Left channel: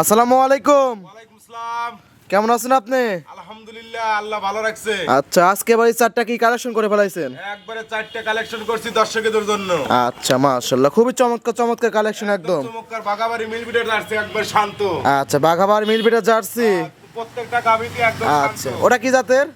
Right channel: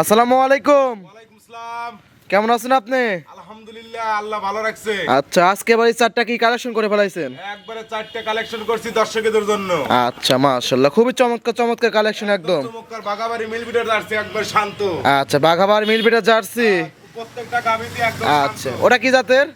আসসালামু আলাইকুম। ওয়ালাইকুম আসসালাম। কেমন আছেন আপনি? আলহামদুলিল্লাহ, আল্লাহ ভালো রাখছে। আচ্ছা, আজকে এবার এই চারটা কি কালেকশন করে ফেলাইছেন? একবারে 4টা কালেকশন করছি দর্শকদের জন্য। আচ্ছা, মাশাআল্লাহ, খুবই চমৎকার চমৎকার কালেকশন একদম। চমৎকার বাগাবাড়ি মিল বিটের জার্সি, একবার শান্ত। আচ্ছা, বাঘাবার মিলবিটা জার্সি। প্রত্যেকটা গাবিতে একদম আচ্ছা, শান্ত। ওটা কি জাতের?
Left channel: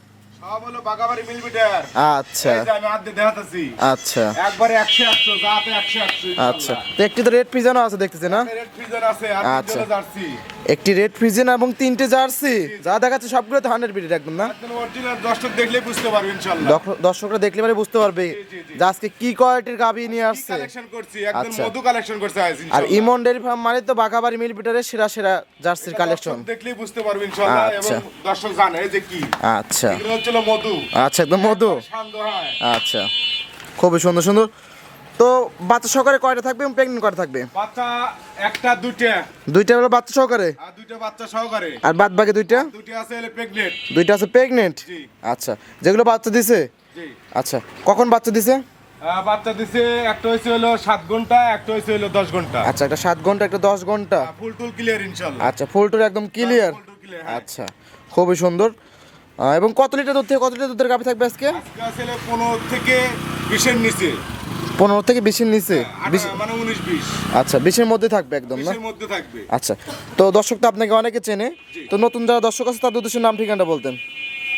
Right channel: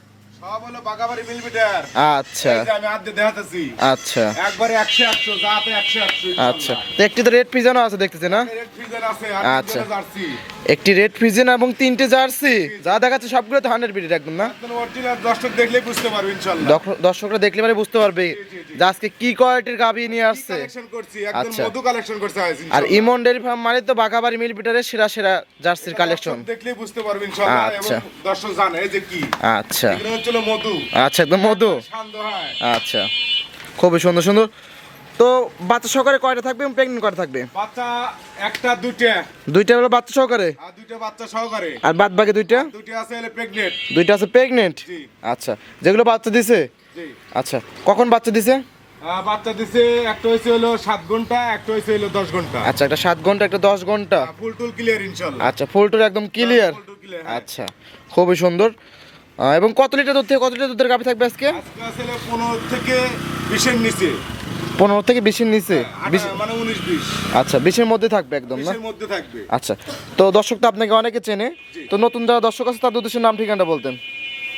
সব হলো বাগাবাড়ি মিল বিটের। আচ্ছা এই যে আমি হাত দিয়ে দেখাতেছি। আচ্ছা একবারে 100 100 জাতে 100 100। আচ্ছা, তো একটি তো রেড পিজনও আছে দেখতেছি না? রেড ফ্রিজার আছে আর আচ্ছা। জার্সি। একটি রেড পিজন এবং তিনটে জার্সি, যা দেখাচ্ছে সবগুলো তো 100 বিটের একদম না? একদম অরিজিনাল, দর্শক দেখলে বুঝতে পারবে ইনশাআল্লাহ। দর্শকরা দেখলে পরে বুঝতে পারবে যে আজকে কি কোয়ালিটির গাবি নিয়ে আসছে। কালেকশন করছি, একদম আচ্ছা। মধু কালেকশন করছে আজ আর ইনশাআল্লাহ। ইমন ডেয়ারি ফার্ম মানে তো বাঘাবাড়ি মিলবিটারের সেরা সেরা জার্সির কালেকশন। দর্শক দেখলেই বুঝতে পারবে ইনশাআল্লাহ। আচ্ছা। এবং দর্শক জানে এই যে কি, আচ্ছা এগুলো হচ্ছে মধু। আচ্ছা, একদম মধু। শান্ত হয়। আচ্ছা, খুবই সুন্দর সুন্দর। তো বাচ্চা সহকারে কয়টা থাকবে এবং প্রেগনেন্ট কয়টা থাকবে? বাচ্চা একটা দুইটা, দুইটা হলো বাচ্চা সহকারে, আর দুইটা বাচ্চা সহকারে। আর বাদ বাকি দুইটা? দুইটা আছে হলে প্রেগনেন্ট। দুইটা আছে প্রেগনেন্ট। জি। আচ্ছা, যেগুলো বাচ্চা দিছে? জি। আচ্ছা, কখন বাচ্চা দিছে? বাচ্চা দিছে, একটা হইছে হলো 7 ঘন্টা, একটা হইছে হলো 10 ঘন্টা। আচ্ছা, একটা 7 ঘন্টা, একটা 10 ঘন্টা। ফুল টুল ক্লিয়ার ইনশাআল্লাহ। আচ্ছা, ফুল টুল একদম ক্লিয়ার। ফুল টুল ক্লিয়ার, হ্যাঁ। আচ্ছা, খুবই সুন্দর। এবং কত লিটার দুধ থেকে কত লিটার দুধের গাভী থাকবে আজকে? আজকে আছে হলো 15 থেকে 20 এর নিচে। 15 থেকে 20-এর নিচে? মানে 19 20। আচ্ছা, 20-এর মধ্যে থাকবে একদম না? 20 এর মধ্যে থাকবে। আচ্ছা, তো দর্শক তো আপনাকে অনেকে চেনে, তো নতুন যারা দর্শক আছে তাদের উদ্দেশ্যে নাম ঠিকানাটা বলতেন।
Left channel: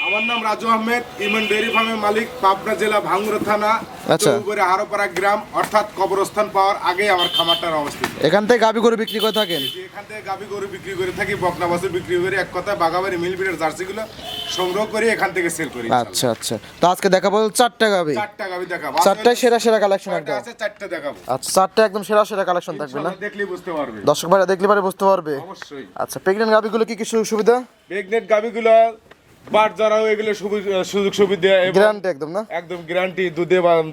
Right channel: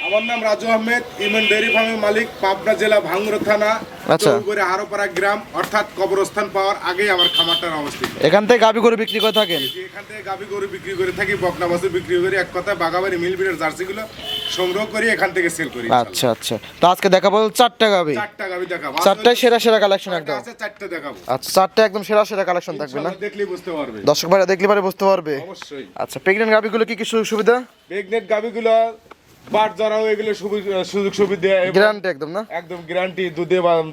আমার নাম রাজু আহমেদ, ইমন ডেয়ারি ফার্মের মালিক, পাবনা জেলা ভাঙ্গুড়া থানা, আচ্ছা। চৌগুড়া হারোপাড়া গ্রাম, অর্থাৎ কবরস্থান পাওয়ার আগে আমার খামারটার অবস্থিত। এখান থেকে গাভী গরু বিক্রি করে থাকেন? যে এখান থেকে গাভী গরু বিক্রি করে থাকি, বকনা বাছুর বিক্রি করি, এক কথায় বাগাবাড়ি মিল বিটের জার্সিগুলো সংগ্রহ করে এখান থেকে সেল করি। আচ্ছা আচ্ছা, তো আজকে দেখাবো 4টা গাভী। 4টা গাভী দেখাবো। চারটায় সেরা সেরা কালেকশন একদম। আছে 4টা দেখাবো। আচ্ছা, 4টা একদম সেরা সেরা কালেকশন থাকবে না? ইনশাআল্লাহ দেখলেই বুঝতে পারবে। দর্শক ভাইরা দেখলে পারে বুঝতে পারবে। অবশ্যই। আচ্ছা, প্রেগনেন্ট গাভীগুলো কি কি সুযোগ সুবিধা? প্রেগনেন্ট গাভীগুলো বাট যারাও এগুলো সুযোগ সুবিধা এবং গ্যারান্টি একদম না? একদম গ্যারান্টি,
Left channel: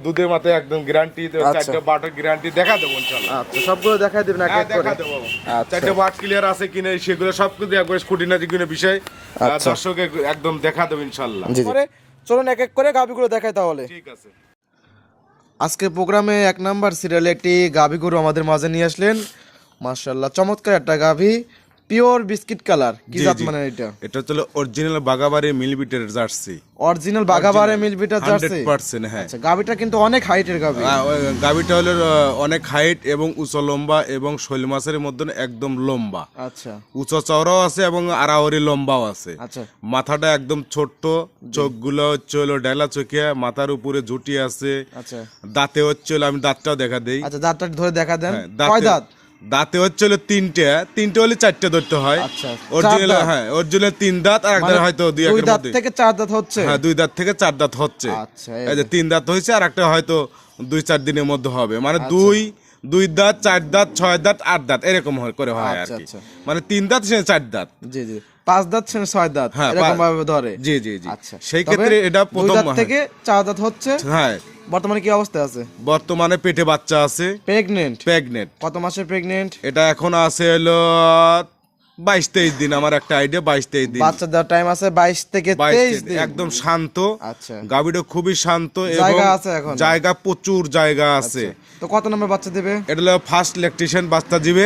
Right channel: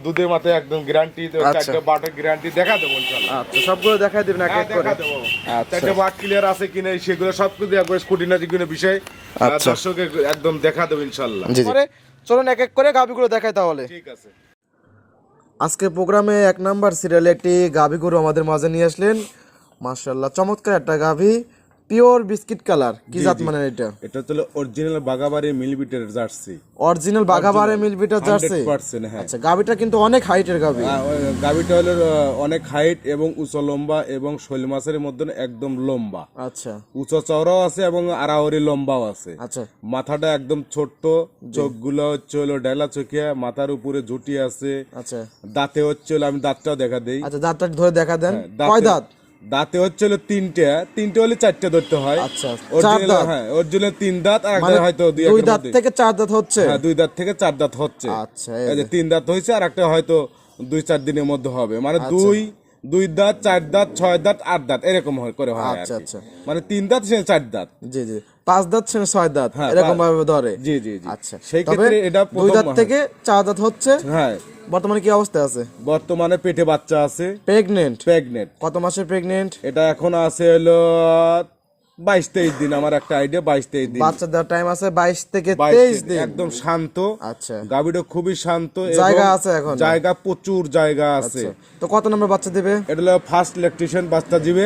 দুধের মাথায় একদম গ্যারান্টি। আচ্ছা। 4টা বাটের গ্যারান্টি দেখা দেবো ইনশাআল্লাহ। আচ্ছা, সবগুলো দেখাই দেবেন এক এক করে? দেখা দেবো। আচ্ছা 4টা বাট ক্লিয়ার আছে কিনা সেগুলো সবকিছু একবার স্কুটিনাটি কিনা বিষয় আচ্ছা। দর্শকে একদম দেখা দেবো ইনশাআল্লাহ। জি জি, চলুন এক এক করে গাভীগুলো দেখাই তাহলে। ঠিক আছে। আজকে প্রোগ্রামে 1 নাম্বার সিরিয়ালে একটি গাভী গরু আমাদের মাঝে নিয়ে আসলেন। মাশাআল্লাহ, চমৎকার একটা গাভী, পিওর বিস্কিট কালার। কি জাত মানে এটা? এটা হচ্ছে অরিজিনাল বাগাবাড়ি মিলবিটের জার্সি। অরিজিনাল বাঘাবাড়ে মিলবিটার জার্সি। 100%, হ্যাঁ। আচ্ছা, গাভীটা কিন্তু অনেক হাইটের গাভী। গাভীটা হলো অনেক হাইট এবং উঁচু লম্বা এবং শৈল মাছের মধ্যে একদম লম্বা। আচ্ছা উঁচু চওড়াও আছে এবং আড়াআড়ি লম্বাও আছে। আচ্ছা মাথাটা একদম ছোট্ট, চোখগুলো হচ্ছে হলো ডালা চোখিয়া, মাথার উপরে ঝুটি আছে। আচ্ছা দাঁতে হচ্ছে হলো, আমি দাঁতটাও দেখা দেই। আচ্ছা, দাঁতটা ধরে দেখা দেন। হ্যাঁ, কয় দাঁত? দাঁতে হচ্ছে হলো তিনটে হলে 4টে ধরতে হয়। আচ্ছা, অরিজিনাল, 4 দাঁত। হ্যাঁ, অরিজিনাল 3 দাঁত, আর মানে একটা হয়তো 2 দুই এর দাঁত মধ্যে। থেকে 4 দাঁত হচ্ছে। হ্যাঁ, 2 দাঁত থেকে 4 দাঁত হচ্ছে। আচ্ছা, এই যে 3 দাঁত হয়েছে, আর একটা হয়তো 2-4 দিনের মধ্যে হবে। মানে আচ্ছা। 2 দাঁত, 4 দাঁত, 6 দাঁত, 8 দাঁত এরকম করে হয় আর আচ্ছা, কি। আচ্ছা। মানে 3 দাঁত সে 4 দাঁত। জি জি, 5 দাঁত ছেড়ে 6 দাঁত হ্যাঁ, এরকম ভাবে ধরে। জি জি জি। আচ্ছা, সেই তবে ক্ষেত্রে এটা 2 প্রথম, দাঁত থেকে 4 দাঁত হচ্ছে। হ্যাঁ, বর্তমানে কি অবস্থা আছে? বর্তমানে পেটে বাচ্চা আছে, প্রেগনেন্ট। প্রেগনেন্ট। কত মাসের প্রেগনেন্ট? এটা এখন আছে হলো 22-23 দিন, আমার একটা আইডিয়া 22-23 দিন। বাচ্চা দেওয়ার টাইম আছে 22 থেকে 22 23 দিন। একদম শান্ত। আচ্ছা, গাভীটা খুবই শান্ত এবং জায়গা আছে এখন? জায়গা প্রচুর জায়গা আছে। তো কত নম্বর বাচ্চা দেবে? এটা হলো ফার্স্ট ইলেকট্রিশিয়ান বাচ্চা দিবে।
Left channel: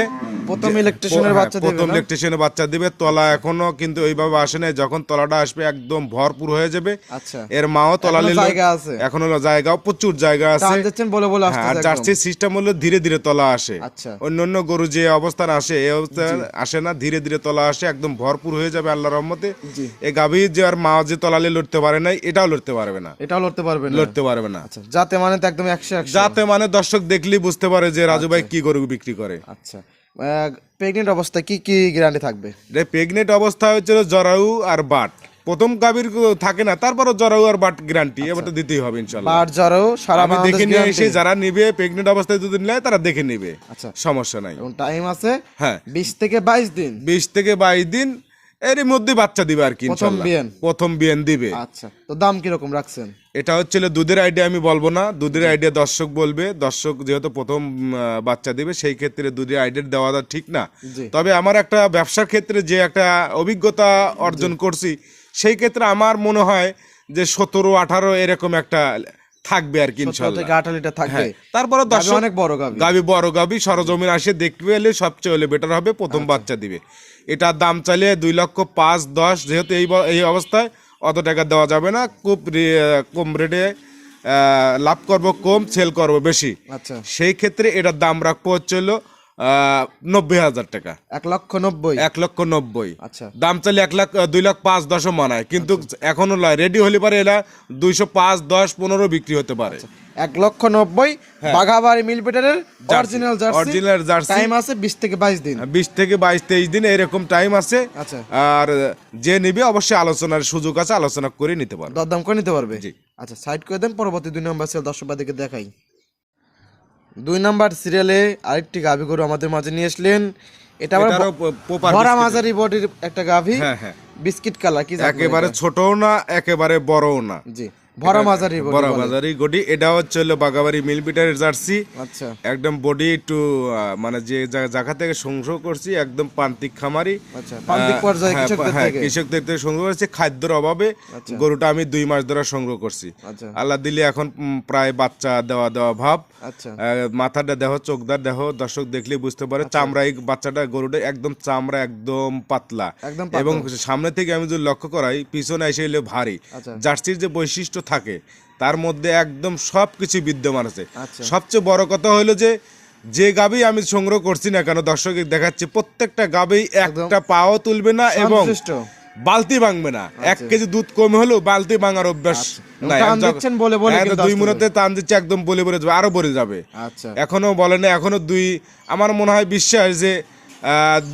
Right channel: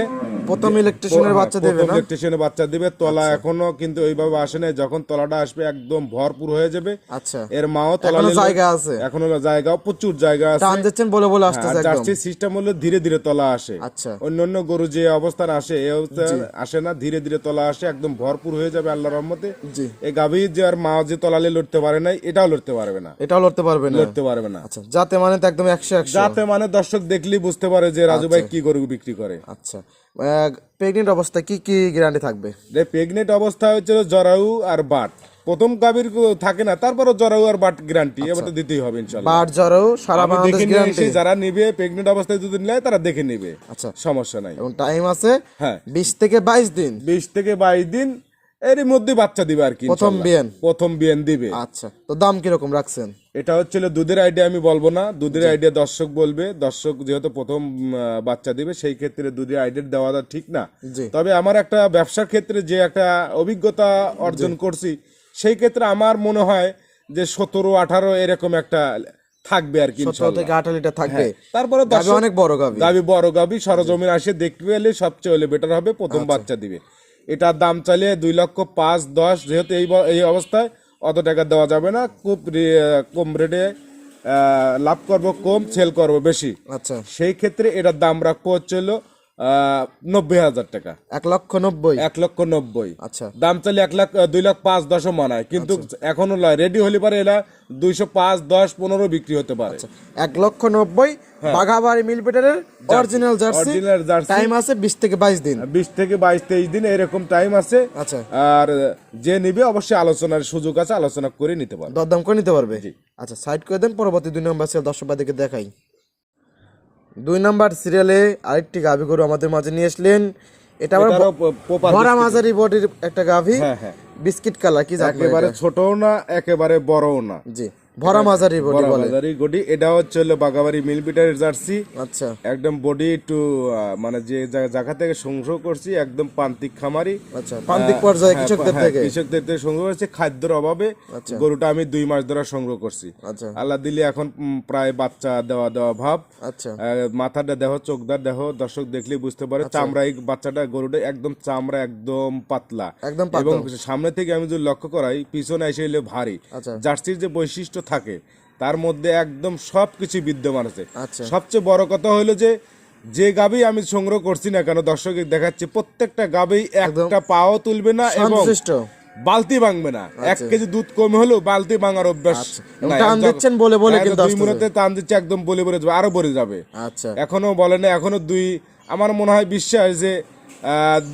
প্রথম ইলেকট্রিশিয়ানের বাচ্চা দেবে প্রথম না? ইলেকট্রিশিয়ানের বাচ্চা দিবে। তলা এখনো কিন্তু ওইভাবে আসে নাই, যখন তলাটা আসবে একদম ভরপুর হয়ে যাবে। আচ্ছা, এর মাও তলা এখনো নিলে জায়গা আছে? এখন হলো জায়গা, প্রচুর জায়গা টান আছে। দিচ্ছেন বলে বলে আসতেছে একদম। জার্সি সিস্টেম হলো ধীরে ধীরে তলা আসে। আচ্ছা, অন্যান্য গরু যে অবস্থান আসে এই অবস্থা আসে না, ধীরে ধীরে তলা আসে, একদম ভরপুর হয়ে যাবে আল্লাহর রহমতে। জি। এই গাভী যে আর মা যে তলালে লড়তে পারে নাই, এটাও লড়তে পারবে না, এটাও লড়তে পারবে না? লড়তে পারবে না। আচ্ছা, যাতে মানে তো একদম 100 যাতে মানে দর্শক দেখলেই বুঝতে পারে যে রাজু ভাই কি গরু বিক্রি করে। আচ্ছা, প্রেগনেন্ট অবস্থায় কি কি গ্যারান্টি থাকবে? প্রেগনেন্ট অবস্থা হচ্ছে জরায়ু আর বাট। প্রথম গাভীর থাকে না, তারপরে জরায়ু আর বাট গ্যারান্টি এবার তো দিতেই হবে ইনশাআল্লাহ। বাট জরায়ু সারা আমি বাংলাদেশ দেখে নিয়ে গ্যারান্টি? এসে যারা নিবে প্রেগনেন্ট অবস্থায় যদি নেয় তারা দেখে নিবে, আচ্ছা, সমস্যা নাই। এবং টাইম আছে হ্যাঁ, 20 থেকে 22 দিন। 20 থেকে 22 দিন এরই মধ্যে বাচ্চা দিবে আর কি প্রথম ইনশাআল্লাহ। বিয়ান? প্রথম বিয়ান দিবে। আচ্ছা, তো দাম কিরকম রাখছেন? এটা হচ্ছে দুধের আইডিয়া আমি বলবো না, দুধের আইডিয়া দর্শক বলবে। দর্শক যেহেতু প্রথম বাচ্চা দিবে, সেই ক্ষেত্রে দুধের আইডিয়া দেওয়াটা ঠিক না। জি। তবে আমার একটা ব্যবসার ক্ষেত্রে যে একটা অভিজ্ঞতা অর্জন করছি, সেই ক্ষেত্রে আমার মনে হয় যে 17-18 এরকম একটা থাকবে আর কি 17 ইনশাআল্লাহ। থেকে 18 লিটার থাকবে। তারপরে গাভী অনেক বড় গাভী। গাভী বড় গাভী সরজমিন আসে দেখতে পেলে সবচেয়ে হলে বেটার হবে, প্রথম বাচ্চা দিবে। এটার দাম চাইলে 2,05,10,000, যেহেতু এই অবস্থায় অত টাকা দেওয়া যাবে না, খুব কম রেটে লাভ করব কম, সেল করব বেশি। আচ্ছা, সেই ক্ষেত্রে এটার দাম রাখবো হচ্ছে হলো 90,000 টাকা, 1,90,000। 1,90,000। আচ্ছা, দাম চাইলে 2,05,10,000 মানায়, কিন্তু এখনো রেডি হলে পারে এরা 205, 10, 15 বিক্রি হতে পারে। 1,90,000 বাঘাবাড়ি মিল পিটারের original jersey. Original jersey, time আছে 20 থেকে 22 দিন। 20 থেকে 22-23 দিন এরকম টাইম আছে। আচ্ছা, আর যে নিবে অবশ্যই আলোচনার সুযোগ আছে, আলোচনা করে নিতে পারবে। দরদাম করে নিতে পারবে। জি। আচ্ছা, সাইড করে দেন, পরবর্তী 2 নম্বর সিরিয়াল দর্শকবাদীকে দেখাই। 2 নম্বর সিরিয়ালে আরেকটি গাভী গরু আমাদের মাঝে নিয়ে আসলেন। এটা আবার এটারও প্রপার ভরা মাঝারি বডির একটা গাভী, হ্যাঁ, বিস্কিট কালার। কি জাত একেবারে ছোটও না একেবারে বড়ও না, জি, ভরা মাঝারি বডি বলে। বাজারি গডি। এটা হচ্ছে হলো বাগাবাড়ি মিলপিটারের জার্সি। আচ্ছা, একদম বডি একটু মানে যে জায়গা থেকে সংগ্রহ করছি একদম প্রান্তিক খামারি, আচ্ছা, প্রান্তিক পর্যায়ে কৃষকদের থেকে। কৃষকদের থেকে সংগ্রহ করছি খাদ্যের অভাবে। আচ্ছা, গরুটা আমি 2 মাস ধরে সংগ্রহ করছি। আচ্ছা, আল্লাহ দিলে এখন প্রায় বাচ্চা দেওয়া ভাব। আচ্ছা, মাথাটা দেহ, চোখদার দেহ, দর্শক দেখলে বুঝতে পারে। চামড়া, এই বাচ্চাটা গরুটা একদম চামড়া একদম পাতলা, একদম এবং পাতলা। সামনে থেকে আমি যদি লক্ষ্য করাই পিছনে এসে এলে ভারী। আচ্ছা, জার্সির যে বৈশিষ্ট্য থাকে তার মধ্যে একদম সবকিছু বিদ্যমান আছে। আচ্ছা, সবচেয়ে বড় কথা হলো যে গাবি আমি সংগ্রহ করছি না কেন, দর্শক দেখাচ্ছে প্রত্যেকটা গাবি একটা পাও তুলবে না এবং সন্তুষ্ট, বালতি ভাঙবে না। 1 কেজি দুধ কম হলেও বালতি ভাঙার অভ্যাস নাই। টান দিচ্ছেন বলে বলে কিন্তু 2 মিনিটে টান দিচ্ছে, একদম বলে যাবে, আরো বলে যাবে। আচ্ছা, এখনো বলে না, এখনো আমার মনে হয় বিশ্বাস যে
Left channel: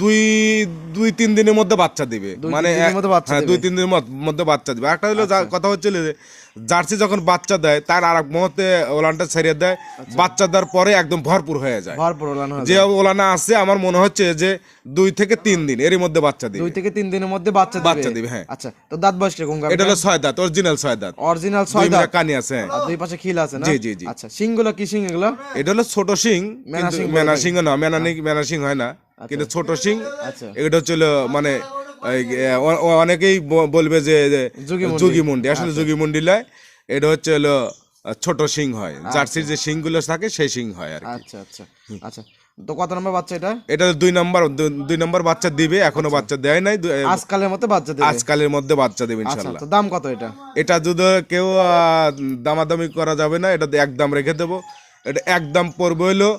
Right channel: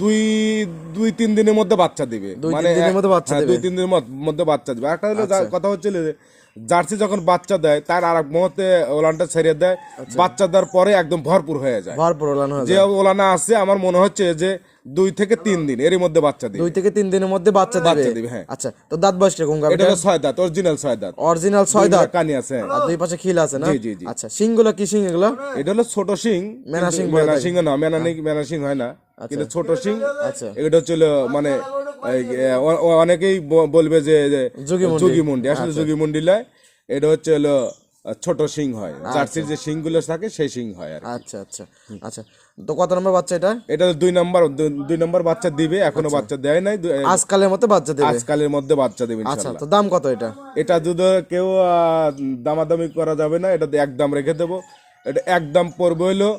2-3 দিনের মধ্যে বাচ্চা দিবে। 2-3 দিনের মধ্যে বাচ্চা দিবে। 2-3 দিনের মধ্যে বাচ্চা দিবে। একটা হলো কথা হচ্ছে যে জার্সি যখন বাচ্চা দেয় তার আর এক মুহূর্তে ওলানটা ছেড়ে দেয়, বাচ্চা দেওয়ার পরে একদম ভরপুর হয়ে যায়। ভরপুর ওলান হয়ে যে যায়। ওলানা আছে আমার মনে হচ্ছে যে 2 থেকে 3 দিন এর মধ্যে বাচ্চা দিবে। 2 থেকে 3 দিনের মধ্যে বাচ্চা দিবে। হ্যাঁ। আচ্ছা, তো দাঁত বয়স কিরকম গাভীটা? এটা হলো 6 দাঁত, অরিজিনাল 6 দাঁত। অরিজিনাল 6 দাঁত, কানি আছে। আর 2 পাশে খিল আছে না? জি, জি, জি। আচ্ছা, শিংগুলো কি শিং এগুলো? এটা হলো ছোট শিং, মেনা শিং বলে মেনা থাকে। শিং না, মেনা শিং হয় না, কিন্তু ছোট শিং। আচ্ছা, এটা হচ্ছে হলো মানে অনেকেই বলবে যে যোগীমুন্ডি, আসলে যোগীমুন্ডি লয়। এটা হচ্ছে হলো ছোট শিং হয়, জার্সির যে শিং গুলো থাকে সেই শিং হয় আর কি। আচ্ছা, আচ্ছা, আচ্ছা। তো কত নম্বর বাচ্চা এটা? এটা 2 নম্বর বাচ্চা দিবে, এখনো বাচ্চা দেয় নাই। আজকালের মতো বাচ্চা দেবে। আজকালের মধ্যে বাচ্চা দেবে আচ্ছা, ইনশাআল্লাহ। তো দাম কত এটা? এটা যদি কেউ দামাদামি করা যাবে না, এটা একদম রেখে দেবো। এটা একদম পড়বে হলো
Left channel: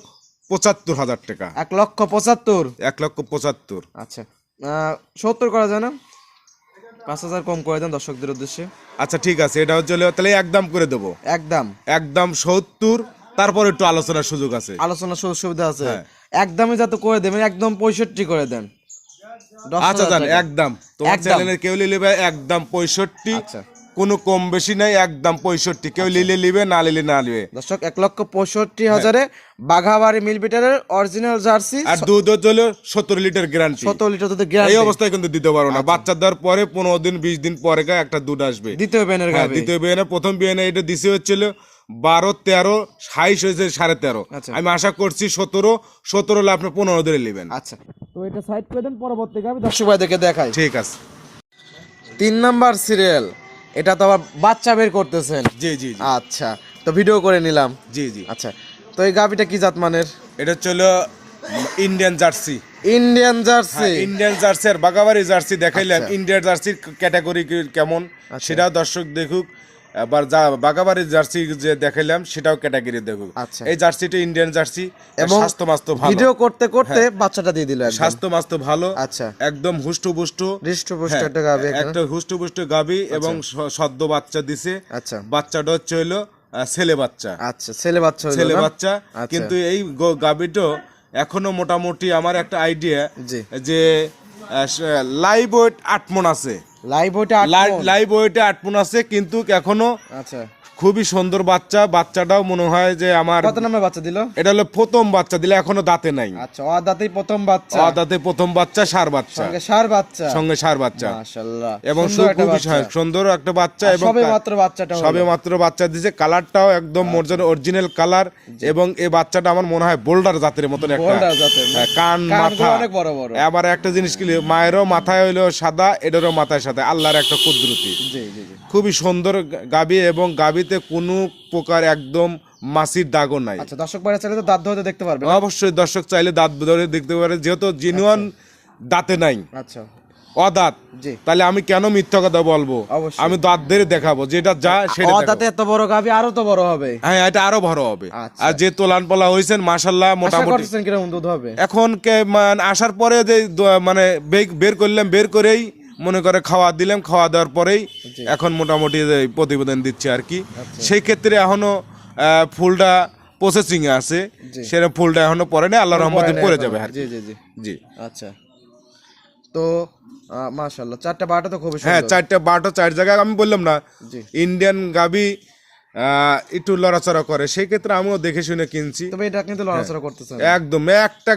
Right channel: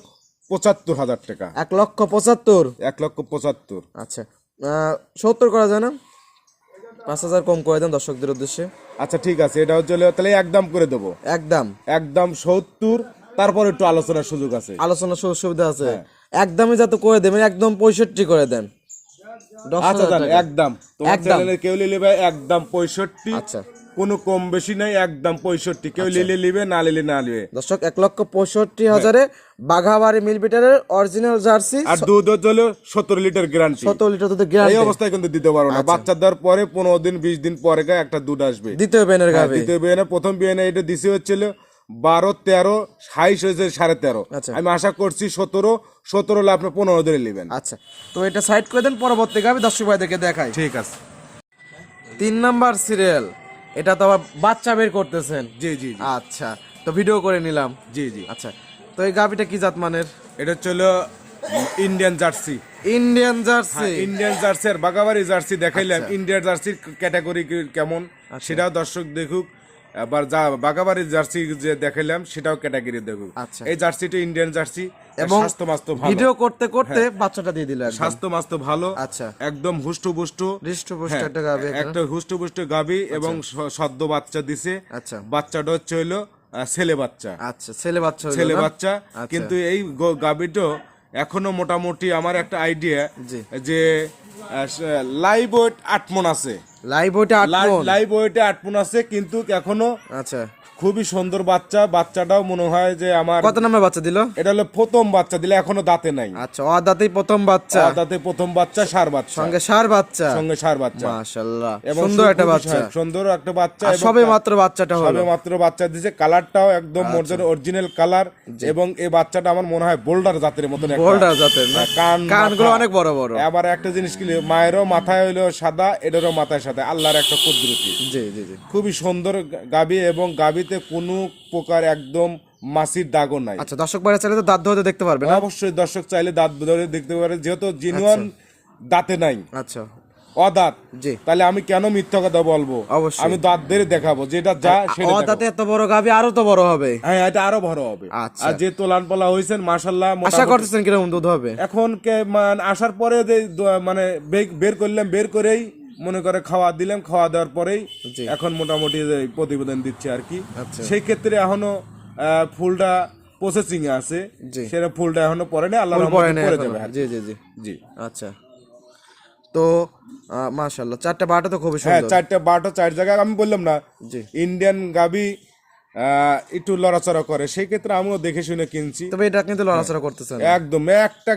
75,000 টাকা। 1,75,000। 1,75,000। আচ্ছা, 70 করা যায় না? 5,000 কম করে দেন দর্শকদের উদ্দেশ্যে। আচ্ছা ঠিক আছে, এটা হচ্ছে হলো তাহলে একদম করে দেবো, একদম একদম 70। তারপর একটু আলোচনার সুযোগ আছে, আলোচনার সুবিধা আছে। একদমই যাতে করে দেবেন, একদম 65 করে দেন। আচ্ছা জান, একদম তোমার চ্যানেলে কেউ নিলে একদম 65। আচ্ছা, কোনো কম বেশি নাই, একদম 65। কেউ নিলে নিবে, না নিলে না নিবে। দর্শক 1,65,000 বাঘাবাড়ি মিল বিটারের অরিজিনাল জার্সি। আর দুধ হলো 17 লিটার গ্যারান্টি। 17 লিটার দুধের এই গ্যারান্টি অবস্থায় কিন্তু দিতে পারো না। বাচ্চা দেওয়ার পরে 15 দিন 20 দিন পরে একটা দুধ আসবে। দ্বিতীয় বেনের গাভী। দ্বিতীয় বিয়ানে, প্রথম বিয়ানে এটা দিছে হচ্ছিল 12, 13, 26 হয়েছে 13.5। আচ্ছা, আমি আশা করছি 17 হলে আপনি 15 ধরে নেবেন। আচ্ছা, তো এটা সাইড করে দেন, পরবর্তী গাভী দর্শক ভাইদেরকে দেখাই। ঠিক আছে। 3 নাম্বার সিরিয়াল, এটা তো আবার বাচ্চা বের করতেছেন। জি জি জি আচ্ছা, তো ভিডিও করে নিলাম। জি জি। আচ্ছা, তো এই গাভীটা কি জাত মানের? এটা হচ্ছিল Indian jersey. Indian jersey. Indian jersey আর বাগাবাড়ি জার্সি দেখাইলাম। ইন্ডিয়ান জার্সির ক্যাটাগরি কেমন সেটা দর্শক দেখুক। আবার যা বাগাবাড়ি জার্সি যে দেখাইলাম সেটাও ক্যাটাগরি দেখুক। আচ্ছা, এই জার্সিটা ইন্ডিয়ান জার্সি এবং স্বাস্থ্য মাস্ত ভালো। ভিডিও করতে করতে বাচ্চাটা দিয়ে দিল একদম। স্বাস্থ্য মাস্ত ভালো। আচ্ছা, একদম হুষ্টপুষ্ট হৃষ্টপুষ্ট একটা গাভী। একটা হুষ্টপুষ্ট গাভী এবং সদ্য বাচ্চা দিছে। আচ্ছা, বাচ্চাটা হচ্ছে হলো ছেলে বাচ্চা। আচ্ছা, ছেলে বাচ্চা হইলো ছেলে না? বাচ্চা। কিন্তু এই গাভীটা এখনো মোটামুটি আমার একটা আইডিয়া জি, যে লাইভ ওয়েট 8 মণ আছে। লাইভ ওইটা 8 মণ। লাইভ ওয়েটে 8 মণ আছে, কিন্তু এখনো আচ্ছা, খুবই সুন্দর বাচ্চা। বাচ্চাটাও মনে হয় যে আমার কত নাম্বার বাচ্চা দিল? এটা হলো প্রথম বাচ্চা দিলে, এখনো দাঁতে নাই। আচ্ছা, দাঁতেই প্রথম বাচ্চা। দাঁতে প্রথম বাচ্চা, সার বাচ্চা সঙ্গে সার বাচ্চা। সঙ্গে সার বাচ্চা। মাশাআল্লাহ, এবং সুন্দর একটা বাচ্চা। সুন্দর একটা বাচ্চা। এবং সবে মাত্র বাচ্চাটা হলো। সবে মাত্র বাচ্চা দিয়েছে। কালারটাও একদম অরিজিনাল কালার। এবং এই বাচ্চাটা আমার মনে হয় বোল্ডার জাতের মতন একটা। বোল্ডার জাতের না? কানগুলো কানগুলো অনেক বড় বড়। আবার একটা জিনিস কি, মায়েরও মাথায় হইলো সাদা, এটারও মাথায় সাথে আল্লাহর একটা কুদরতি। জি জি জি। খুবই সুন্দর গাবি এবং গাবিতে কোনো প্রকার একদম মাছির দাগও নাই। আচ্ছা, দর্শক ভাইরা চাইলে তো দাঁত ধরে দেখতে পারবে না? অবশ্যই দর্শক চাইলে দাঁত ধরে দেখতে পারে, যেহেতু জিনুয়ান দাঁতে নাই, আচ্ছা অদাঁত, জি। তাহলে আমি কেন মিথ্যা কথা বলবো? অবশ্যই। আমি দাঁত ধরে দেখাবো, যেটা যা সেটা দেখাবো। দাঁতে এত বড় গাভী আরো তো বড় হবে। হ্যাঁ, এটা আরো বড় হবে। আচ্ছা। আর যে তোলান পালা হয়েছেন মাশাআল্লাহ, আশা মোটামুটি করতেছেন কিরকম দুধ হবে? এখন আসার পরে যে মানে বের করলাম, বের করেই মনে করে খাওয়া দিলাম, খাওয়া দেওয়ার পরেই জি। এখন মোটামুটি যে প্রতিবেদন দিচ্ছে আর কি। আচ্ছা। সেই ক্ষেত্রে এখনো ফুলটা প্রসেসিং এ আছে, জি। সেটা ফুলটা এখনো পরে না, আল্লাহর পরে রহমতে নাই পরে এখনো। যাবে আর কি। জি জি জি। জি। আচ্ছা, তো মাশাআল্লাহ, চারটা বাটা তো খুবই হ্যাঁ, সুন্দর। চারটা বাটো চার জায়গায়, আমি বললাম না জি। ইন্ডিয়ান গাবি একটু লড়াচড়া করে, সেই ক্ষেত্রে আমিও দেখে শুনে কিনছি। তবে এটা কিন্তু লড়াচড়া করতেছে না। একদম একটা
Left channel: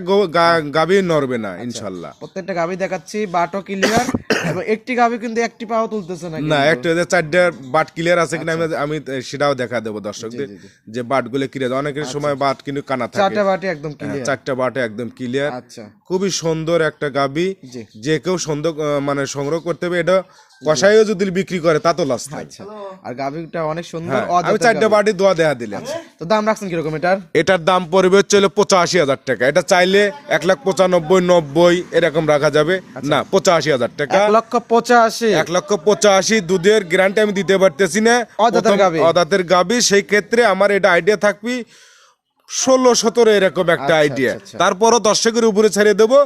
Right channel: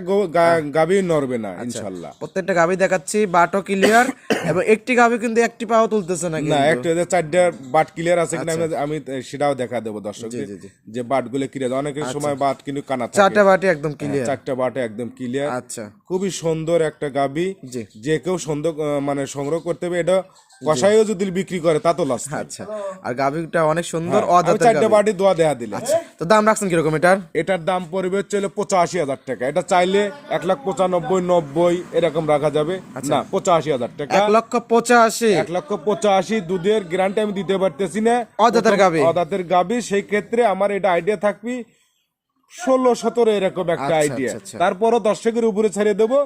গাবি নড়বে না ইনশাল্লাহ। প্রত্যেকটা গাভী দেখাচ্ছি, বাটও ক্লিয়ার, এবং একটি গাভী কিন্তু একটি পাও তুলতেছে না না, কিন্তু। একটা চারটা বাট ক্লিয়ার আছে কিনা আমি সেটাও দেখা দেবো দর্শকদের, জি, জি। যে বাট গুলো ক্লিয়ার। অনেকের সময় বাট কিন্তু কানা থাকে, চারটা বাটি একদম ক্লিয়ার। চারটা বাট একদম ক্লিয়ার। আচ্ছা খুবই সুন্দর একটা গাবি, জি। যে কেউ সুন্দর মানে সংগ্রহ করতে হবে। এটা কষাইও যদি বিক্রি করে তা তো লস। আচ্ছা, আর গাভীটা অনেক সুন্দর, আমি অদাঁতের চারটা গাভী। বাটি দোয়া দেয়া দিলে। তো দাম রাখছেন কিরকম এটার? এটার দাম পড়বে হচ্ছে 85,000 টাকা। এটা চাইলে 1,95,90 এরকম রাখা যাবে। না, 85,000 টাকা। 1,85,000। 1,85,000 দুধের গ্যারান্টি আমি দিতে পারতেছি না, অদাঁতের গাভী। অদাঁতের গাভী। সেই ক্ষেত্রে আমার এটা আইডিয়া থাকবি 16-17 এরকম একটা আচ্ছা, আইডিয়া। আচ্ছা। তারপরও দর্শকের উপরে ছেড়ে দেবো,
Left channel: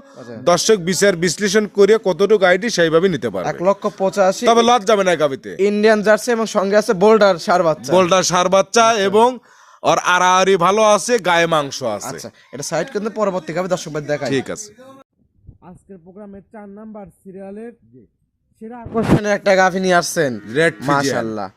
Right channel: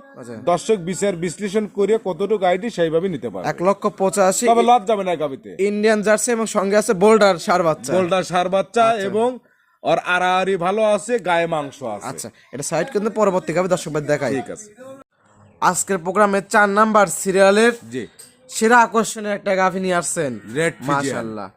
দর্শক বিচার বিশ্লেষণ করে কতটুকু আইডি সেইভাবে নিতে পারবে। 1,85,000। তবে লস যাবে না গাভীতে। ইন্ডিয়ান জার্সি এবং সঙ্গে আছে বোল্ডার সার বাচ্চা। বোল্ডার সার বাচ্চা এবং আর আড়াআড়ি ভালো আছে, গায়ে মাংস আছে। আচ্ছা, এটা সাইড কিন্তু পরবর্তী গাভী দর্শক ভাই দেখাই। ঠিক আছে। আজকের প্রোগ্রামে 4 নাম্বার সিরিয়ালের জি। সেরা আকর্ষণীয় একটা গাভী নিয়ে আসছেন। Red Friesian. মাশাআল্লাহ,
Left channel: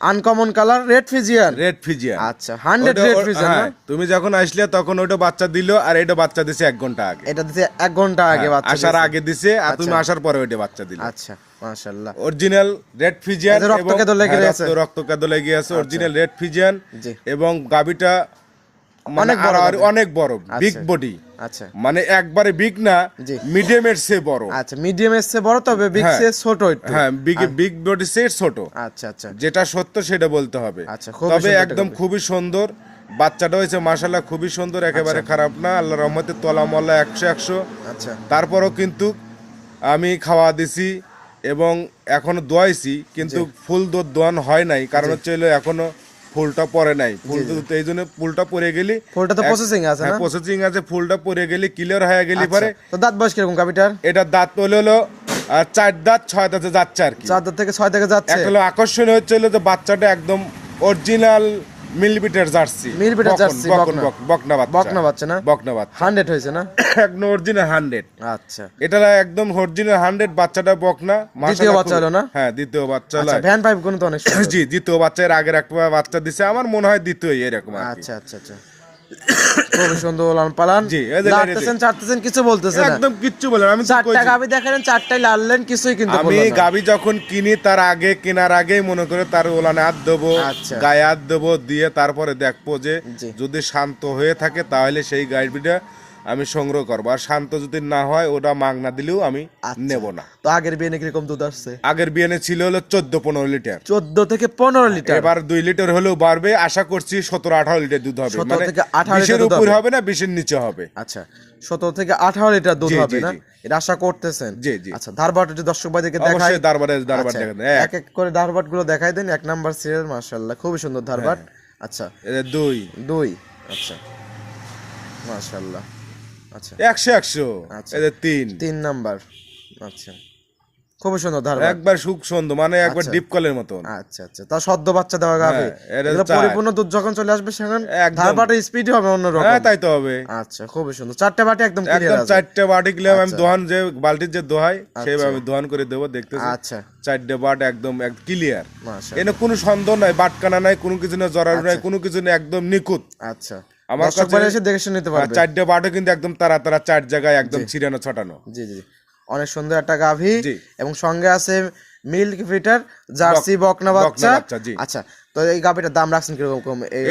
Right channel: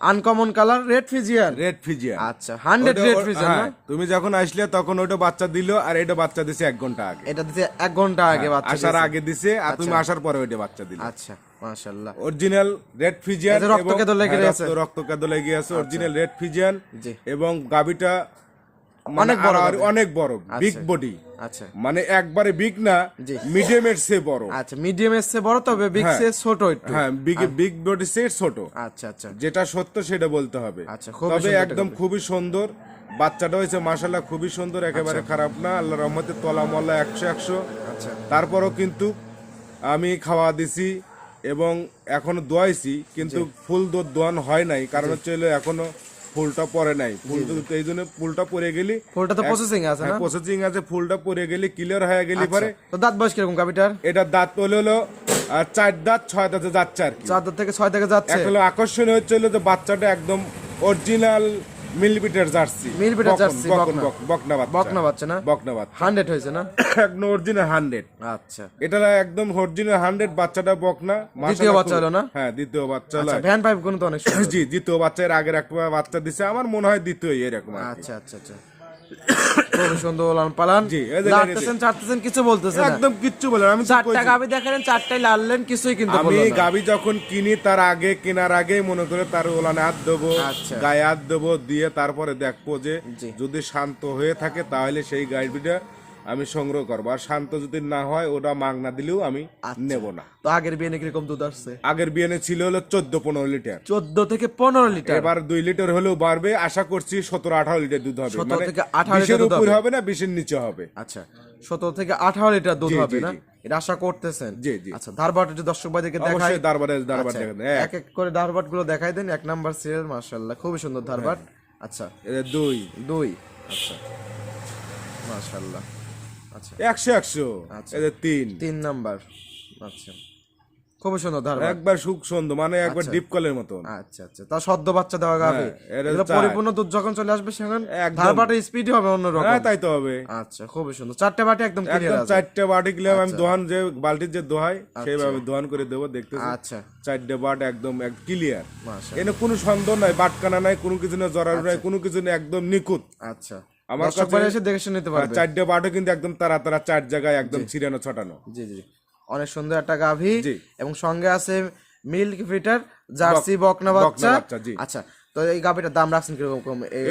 uncommon colour, red Friesian. Red Friesian. আচ্ছা, 100 রেড ফিজিয়ান না? তুমি যখন আসলে তখন ওটা বাচ্চা দিল, আর এটা বাচ্চা দিছে 1 ঘন্টা আগে। এটা দিতে 1 ঘন্টা আগে বাচ্চা আসার দিয়েছে। আগে দিছে, আর তুমি আসার পরে ওটা বাচ্চা দিল। আচ্ছা, মাশাআল্লাহ। অরিজিনাল রেড ফিজিয়ান, এই যে রক্তকেঁদো লেগে আছে। রক্তকেঁদো লেগে আছে, অরিজিনাল রেড ফিজিয়ান। জি। এবং গাবিটা অনেক বড় গাভী। অনেক বড়, বিগ বডি। আচ্ছা মানে একবারে বিগ না, জি। মিডিয়ামের চেয়ে বড়। আচ্ছা, মিডিয়াম এর চেয়ে বড়, তবে বিগ হ্যাঁ। সে ছোট একটু। হ্যাঁ, বিগ বডি চেয়ে ছোট। আচ্ছা আচ্ছা যেটা সত্য সেটা বলতে হবে। আচ্ছা, খুবই তবে সুন্দর একদম একটা খুবই সুন্দর বাচ্চাটা হয়েছে, মাশাআল্লাহ খুবই সুন্দর, একেবারে খারাপ না। আল্লাহর রহমতে তলা মল্লা 100-100। আচ্ছা তারপরও কিন্তু আমি খাওয়া দিছি এবং এখনো দোয়াইছি, কিন্তু ফুল দুধ দোয়ান হয় নাই, কারণ হচ্ছে হলো এখনো ফুলটা পরে নাই। ফুল দুধ এই জন্য ফুলটা পরে গেলি, ফুলটা তো প্রসেসিং আছে না? প্রসেসিং আছে, ফুলটা পরে গেলি ক্লিয়ার হয়ে গেলি পরে। তো দাঁত বয়স কিরকম গাভীটার? এটা দাঁত হলো 4 দাঁত 6 দাঁতে যাচ্ছে আর কি। 4 দাঁত থেকে 6 থেকে যাচ্ছে। এখন আকর্ষণীয় হচ্ছে হলো যে বাচ্চাটা একদম অরিজিনাল মিলবিটের জার্সি। মিলবিটের জার্সি, বকনা। বকনা বাচ্চা। বকনা বাচ্চা না? বকনা বাচ্চা 100 হয়েছে না? একদম অরিজিনাল 100। আচ্ছা, এটা একদম অরিজিনাল 100 বাচ্চাটা বকনা। দ্বিতীয় বাচ্চা হলো না? হ্যাঁ, দ্বিতীয় বাচ্চা হলো। আচ্ছা, ভ্যান পাইপ গুলো তো অনেক সুন্দর। জি, দ্বিতীয় বাচ্চার আগের একটা বাচ্চা দিছে, আমার মনে হয় দ্বিতীয় এরকম আর কি। আচ্ছা আচ্ছা আচ্ছা, খুবই সুন্দর লালন পালন। জি, এই যে লাড়তেছেন চাটতেছেন, কিছু বলতেছেন না। একদম কিচ্ছু বলেন, আমি তো 4টা কইছি। গাভী দেখালেন, 4টাই লাড়লেন, কিছুই কিন্তু আমি বললেন না। গাবি যখন কিনি তার আগে, কেনার আগেই মনে করে তার ওলানে হাত দেবো, আচ্ছা। গায়ে হাত দেবো, দিয়ে তারপরে দেখবো যে জি। যদি শান্ত হয়ে থাকে তাহলে সেই গাইবিটা আমি সংগ্রহ করবো, আর শান্ত যদি না হয় ওটা মাগনা দিলেও আমি নেব না। তো আগের বিয়ে কিরকম দুধ আসছে? আগের বিয়ানে ছিল হলো 14-15 লিটার, 14 থেকে 15 লিটার। এবার 2 লিটার হলেও বাড়বে, আশা করছি 17-18 লিটার দুধ হবে। 17 মানে থেকে 18 20-এর লিটার দুধ উপর হবে। হবে না, 20-এর নিচে হবে। আচ্ছা, 17 থেকে 18 লিটার দুধ জি, হবে জি, না? জি। এটা আশা করতেছেন? জি, জি। আচ্ছা, ধারবাট যদি দর্শক ভাইদেরকে দেখাই। অবশ্যই দারবার আচ্ছা, দেখেন। এক এক করে ধারবাট গুলো দেখাই দেন। 1 নাম্বার সিরিয়াল, মাশাআল্লাহ খুবই সুন্দর ধারবাট। আচ্ছা, 2 আচ্ছা, মাশাআল্লাহ। আচ্ছা, 100-100। আচ্ছা। এই যে 3 3 নাম্বার। আচ্ছা, খুবই সুন্দর ধারবাট। একবার সুখ সুন্দর, মানে একবার ডিপ কলের মতন। আচ্ছা আচ্ছা, তা সদ্য বাচ্চা দেওয়া গাবে। এটা এগুলো চার। পরিপূর্ণ দুধ যখন চলে আসবে সেখানে একদম। ধারবাটের স্পিড হবে অন্যরকম। হ্যাঁ, তাই তো হবে। আচ্ছা, খুবই সুন্দর। 4টা বাটি একদম ক্লিয়ার একদম আছে। 4টে বাটি গেলাম আমি, দোহান যে বালতির যে দোহাই সেইভাবে আমি দোহান করে দেবো, দেখতেছি। আচ্ছা, 4টে বাট একদম ক্লিয়ার, মাশাআল্লাহ। এনে কোনো সন্দেহ নাই, বাটকানা নাই, কোনো কিছু না, জরার নাই, কোনো কিছু না, একদম নিখুঁত। আচ্ছা, আমার দর্শক ভাইরা এসে দেখে শুনে নিতে পারবে। 4টে বাটও কিন্তু একদম তারা 4 জায়গায় একদম ছিড়ানো ছটানো। জি জি, অনেক সুন্দর একটা গাভী। জি। এবং সঙ্গে আছে মিল্ক ফিটার জার্সি বকনা বাচ্চা। জি। আচ্ছা, তো এই গাভিটার দাম রাখছেন কিরকম এই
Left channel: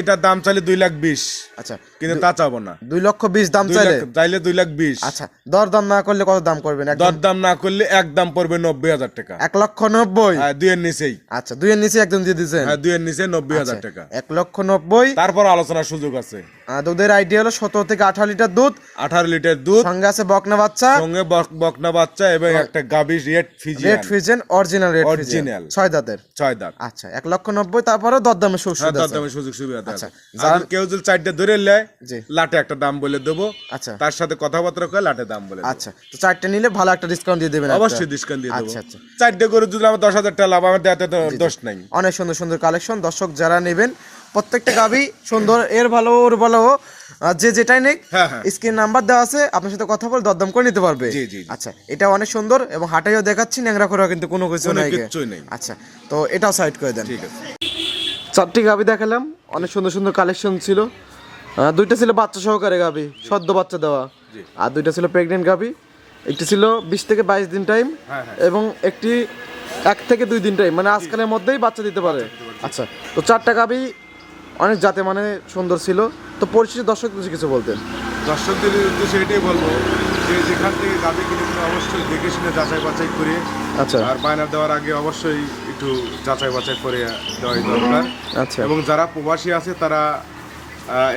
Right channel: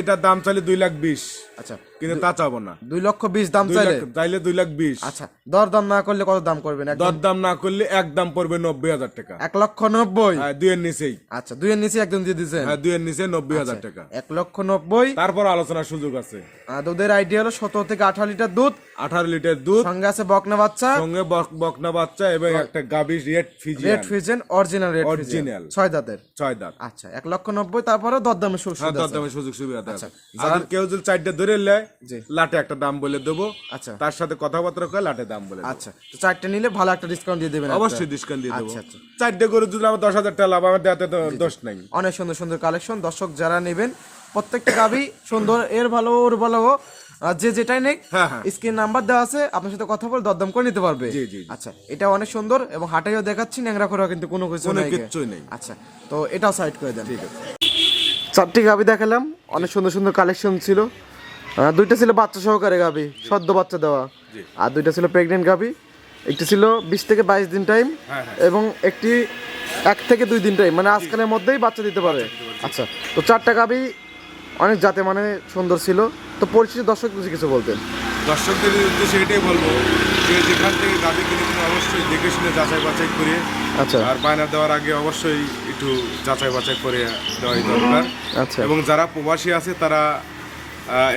এটার দাম চাইলে 2,20,000। আচ্ছা, কিন্তু তা চাবো না। 2,20,000 দাম চাইলে 2,20,000। আচ্ছা, দরদাম না করলে কত দাম করবেন? দরদাম না করলে একদম পড়বে 90,000 টাকা। 1,90,000? হ্যাঁ, 2 এর নিচেই। আচ্ছা, 2 এর নিচে একদম দিয়ে দিয়েছেন? হ্যাঁ, 2 এর নিচে 90,000 টাকা। 1,90,000। তারপর আলোচনার সুযোগ আছে। দুধের আইডিয়া হলো 17 থেকে 18 লিটার দুধ, 18 লিটার দুধ, সঙ্গে আছে বকনা বাচ্চা, সঙ্গে বকনা বাচ্চা এবং একটা গাভী red Friesian original red original 6 দাঁতের। 6 দাঁত। আচ্ছা, 1,90,000। তারপরে দরদামের সুযোগ আছে? দরদামের সুযোগ সুবিধা আছে। আর কেউ যদি 4টা ধরে নেয়, লাটে একটা দাম বলে দেবো। আচ্ছা, তার সাথে কথাবার্তা করে লাটে দাম বলে দেবো। আচ্ছা, তো 4টা নিলে ভালো একটা ডিসকাউন্ট দিয়ে দেবেন? অবশ্যই ডিসকাউন্ট দিয়ে দেবো। আচ্ছা আচ্ছা, 4টা করে যদি আমার 10,000 টাকা লাভ, আমার দেওয়াতে তো দোষ নাই। অনেক সুন্দর সুন্দর কালেকশন। দর্শক যারা নেবেন, প্রত্যেকটা গাভি সুন্দর, এর ভালো ওর ভালো, যে যেটাই নেই স্ক্রিন নাম্বার দেওয়া আছে, আপনার সাথে কথা বলে দরদাম করে নিতে পারবে। আচ্ছা, এটা অনেক সুন্দর এবং হাটেও দেখাচ্ছি, ন্যাংরা করা কিন্তু কোনো কিছু নেই। আচ্ছা, তো এটাও সাইড করে দেন। ঠিক আছে, 4টি গাভি দেখালাম, অনেক সুন্দর সুন্দর কালেকশন ছিল। 2টা ছিল বাচ্চা সহকারে গাভি, সদ্য বাচ্চা দেওয়া, আর 2টা ছিল প্রেগনেন্ট গাভি। একটি ছিল 20 থেকে 22 দিন টাইম, এবং একটি 1 থেকে 2 দিন টাইম, মানে আজকালের মধ্যেই বাচ্চা দিতে পারে। আচ্ছা, তো 4টা গাভি অনেক জাতে মানে সুন্দর ছিল। তো পরিশেষে দর্শকদের কিছু বলতেন? দর্শকদের উদ্দেশ্যে এটাই বলবো যে যেখান থেকে গাভি কিনে অবশ্যই দেখে শুনে যাচাই বাছাই করে, আচ্ছা, আর বায়না দেওয়ার আগে অবশ্যই একটু যাচাই বাছাই করে দেওয়াই দরকার। আচ্ছা, এবং যারা প্রবাসী আছে তারা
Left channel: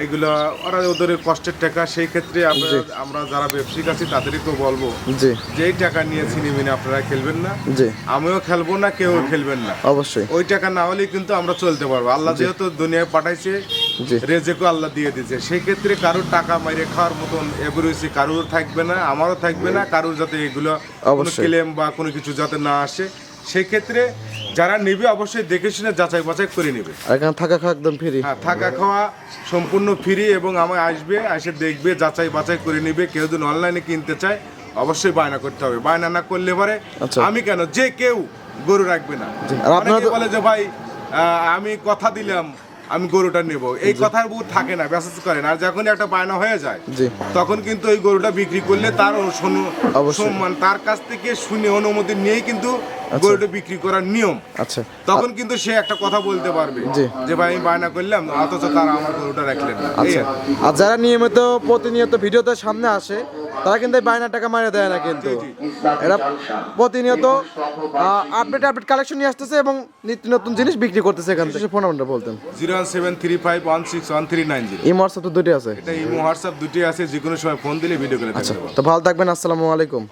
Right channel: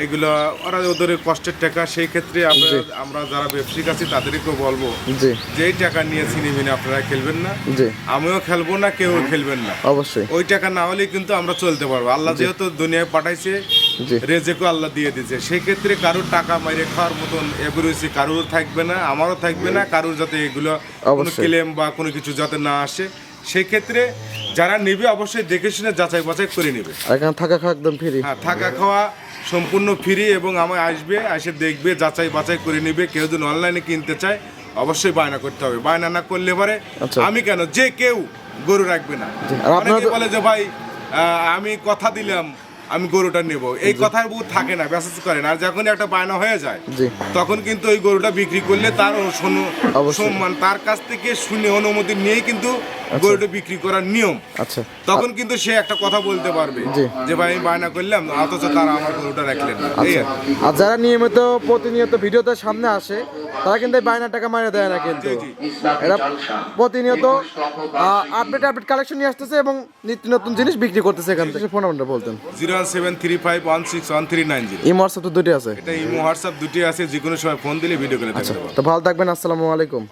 এগুলো ওরা ওদের কষ্টের টাকা, সেই ক্ষেত্রে আমরা যারা ব্যবসায়িক আছি তাদেরকেও বলবো যে এই টাকা নিয়ে ছিনিমিনি আপনারা খেলবেন না, আমিও খেলবো না, কেউ খেলবেন না। অবশ্যই ওই টাকা না হলে কিন্তু আমরা চলতে পারবো। আল্লাহ যেহেতু দুনিয়ায় পাঠাইছে, রেজেকও আল্লাহ দিয়ে দিয়েছে, সেই ক্ষেত্রে কারোর টাকা মাইরে খাওয়ার মতন এবিরুচি কারোর থাকবে না, আমারও থাকবে না, কারোর যাতে এগুলো কোনো ক্লেম বা কোনো কিছু যাতে না আসে, সেই ক্ষেত্রে যারা নেবে অবশ্যই দেখে শুনে যাচাই বাছাই করে নেবে। এখানে থাকা খাওয়া একদম ফ্রি? হ্যাঁ, থাকা খাওয়া সম্পূর্ণ ফ্রি, এবং আমায় আসবে, এসে দেখবে, যাচাই বাছাই করে নেবে। কেউ যদি অনলাইনে কিনতে চায় অবশ্যই বায়না করতে হবে। বায়না না করলে পরে আমি কেন, যে কেউ গরু রাখবে না। অনেকে বলে যে ভাই আমি কথা দিলাম আমি গরুটা নেব, এই কথার বুঝ থাকে না, মেসেজ করেন। আর যখন একটা বায়না হয়ে যায় তখন কিন্তু ওই গরুটা বিক্রি করলে তার সম্মান, তার কাছ থেকে শুনে অনুমতি নিয়েই কিন্তু গরুটা বিক্রি করার নিয়ম। আচ্ছা, তখন কিন্তু সে একটা কথা বলতে পারবে যে ভাই আমি বায়না করলাম, অথচ তারা আমার গরুটা রাখলেন না। আর যারা নিয়মিত প্রতিনিয়ত ভিডিওতে সামনে আসে তারা কিন্তু বায়না টাকা মারে দেয় না, কিন্তু এরা প্রতিনিয়ত আপডেট কালেকশন নিয়ে আসতেছে এবং নিত্য নতুন জিনিস বিক্রি করতেছে। এখান থেকে ফোন নাম্বারটা বলতেন? 01735161390। ইমো হোয়াটসঅ্যাপ তো দুটোই আছে? এটা ইমো হোয়াটসঅ্যাপ দুটোই আছে, যে কোনো সময় ফোন দিলে ভিডিও করে দেখতে পারবেন। তো ভালো থাকবেন, আসসালামু আলাইকুম।